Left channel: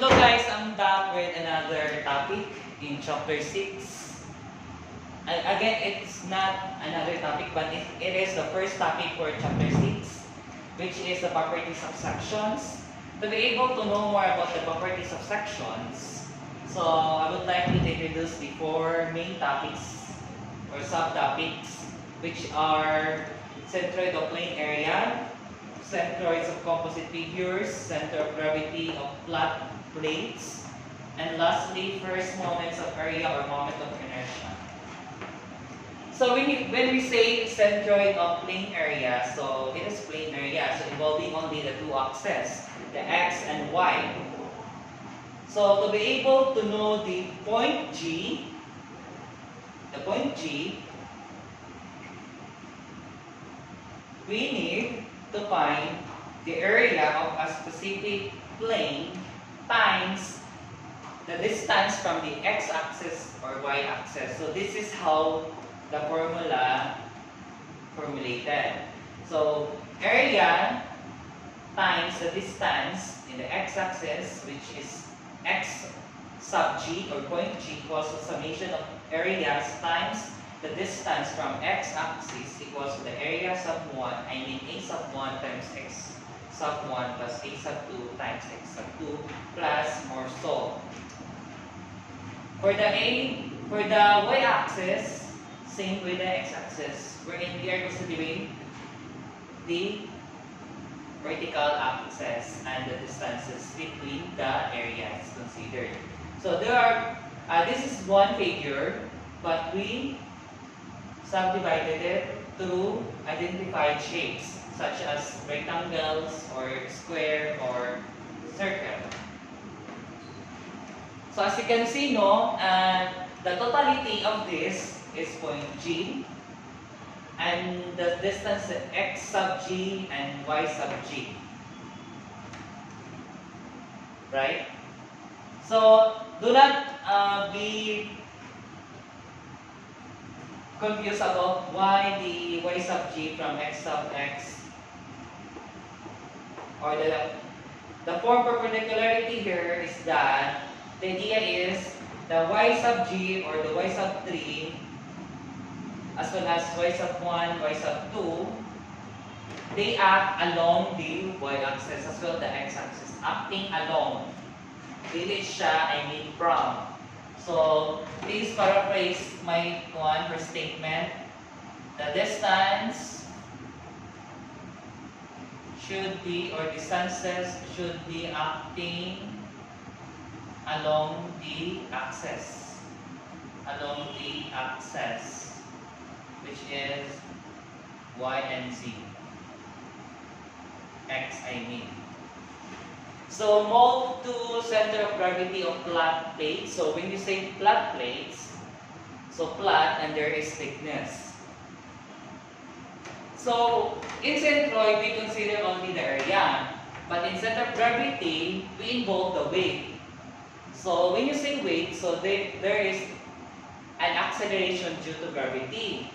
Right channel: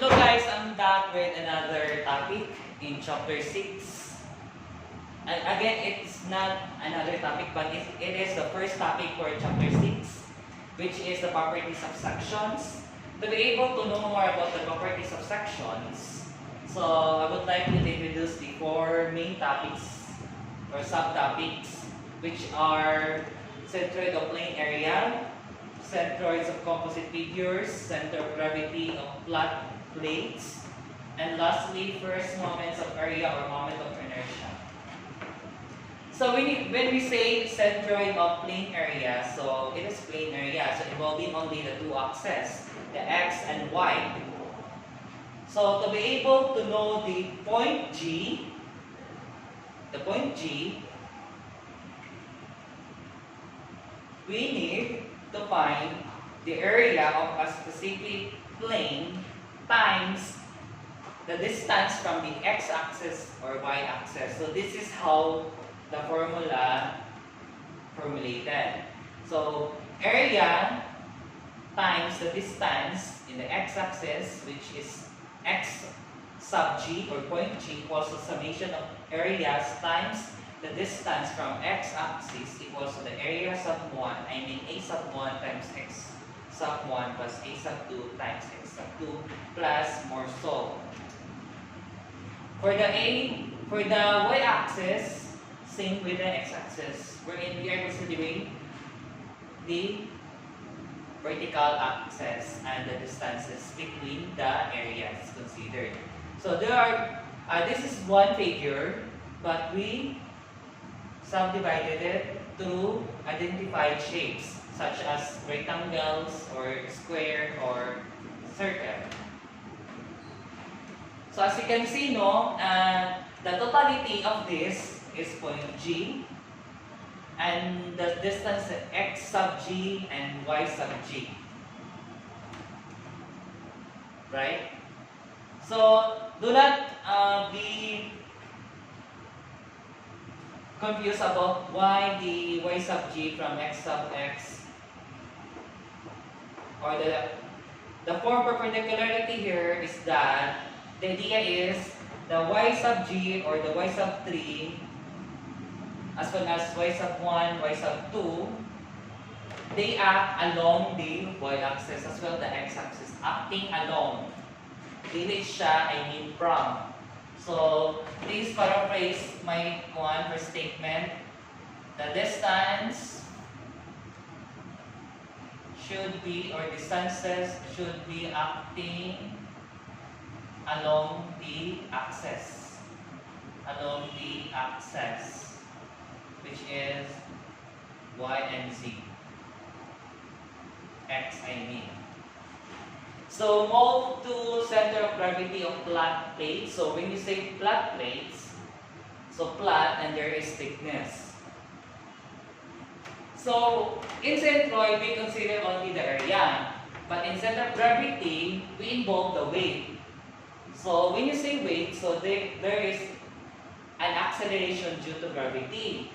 Hello guys, I'm back with another topic in chapter 6. And again, it's not another topic, but it is the first topic for chapter 6, which is the properties of sections. To be able to know more about the properties of sections, so I would like to introduce the four main topics or subtopics, which are centroid of plane area, centroids of composite figures, center of gravity of flat plates, and lastly, first moments of area or moment of inertia. So when we say centroid of plane area, so it is plane area, so involving only the two axes, the x and y. So to be able to know the point G, we need to find the area of a specific plane times the distance from the x-axis or y-axis. So this is how the formula formulated. So area times the distance in the x-axis, which is x sub g or point G, equals the summation of areas times the distance from x-axis equals to the area sub 1, a sub 1 times x sub 1 plus a sub 2 times x sub 2 plus more so. For the y-axis, same with the x-axis, wherein we are considering the vertical axis and the distances between the areas considered. So there are, this is one figure, but we subdivided it through identified shapes such as rectangles or square or circle. So as you can see, the totality of this is point G, and the distance x sub G and y sub G. Right? So do not be confused about why the y sub G from x sub x, or the form perpendicularity here is that the idea is the y sub G or the y sub 3 as well as y sub 1, y sub 2, they act along the y-axis as well the x-axis, acting along. Dili siya, from. So, please paraphrase my first statement. The distance should be, or distances should be acting along the axis. Which is y and z. X, So move to center of gravity of flat plates. So when you say flat plates, so flat and there is thickness. So in centroid, we consider only the area. But in center of gravity, we involve the weight. So when you say weight, so there is an acceleration due to gravity.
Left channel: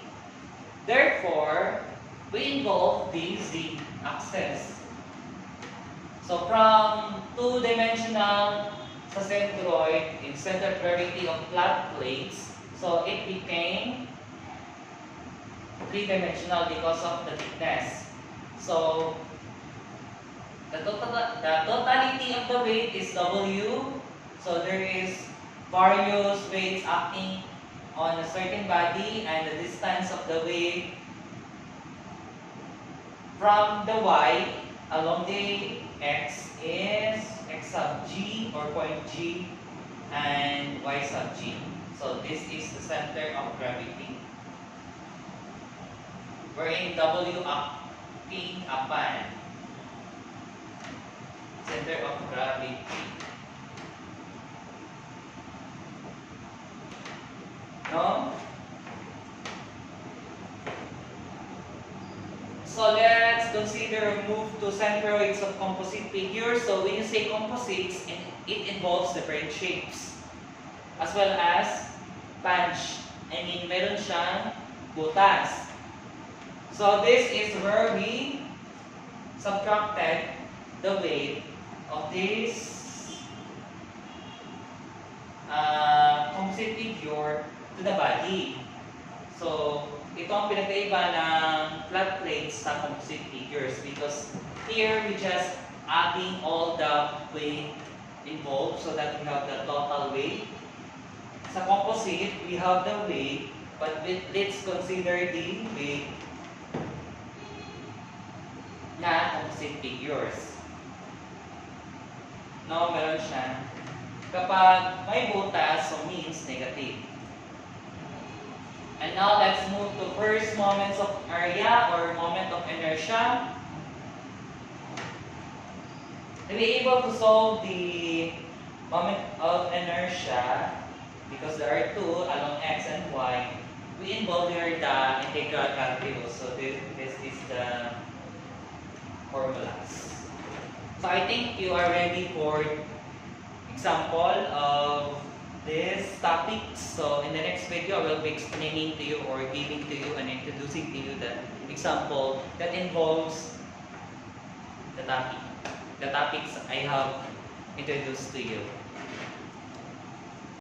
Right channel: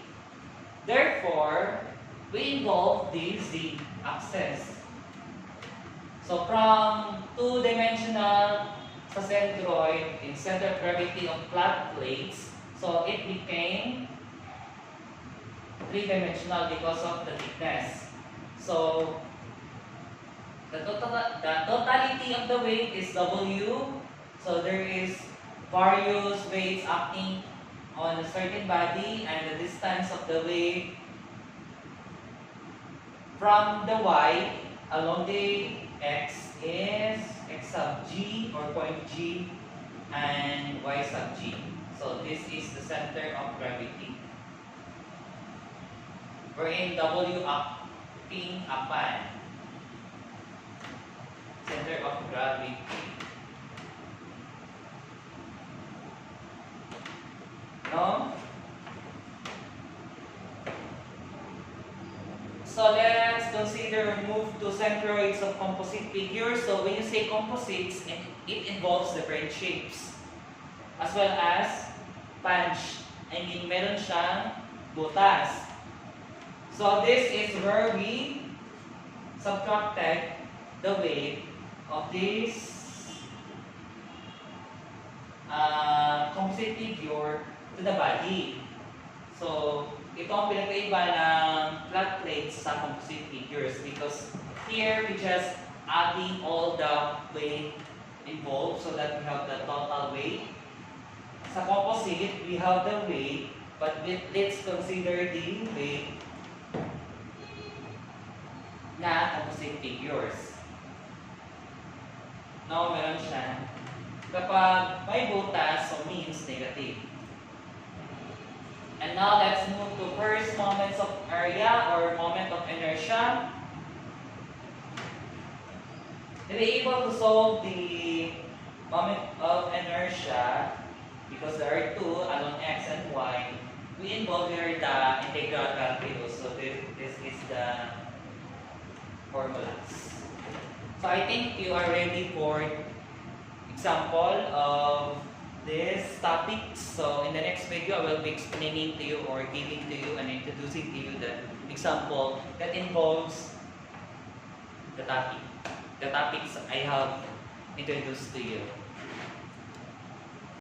Therefore, we involve the z-axis. So from two-dimensional sa centroid in center of gravity of flat plates, so it became three-dimensional because of the thickness. So the totality of the weight is W. So there is various weights acting on a certain body, and the distance of the weight from the y along the x is x sub g or point G and y sub g. So this is the center of gravity, wherein W acting upon center of gravity. No? So let's consider move to centroids of composite figures. So when you say composites, it involves different shapes as well as punch. Meron siyang butas. So this is where we subtracted the weight of this composite figure to the body. So, ito ang pinagkaiba ng flat plates sa composite figures because here we just adding all the weight involved so that we have the total weight. Sa composite, we have the weight, but let's consider the weight na composite figures. No, meron siya. Kapag may butas, so means negative. And now let's move to first moments of area or moment of inertia. To be able to solve the moment of inertia, because there are two along x and y, we involve here the integral calculus. So this is the formulas. So I think you are ready for example of this topic. So in the next video, I will be explaining to you or giving to you and introducing to you the example that involves the topics I have introduced to you.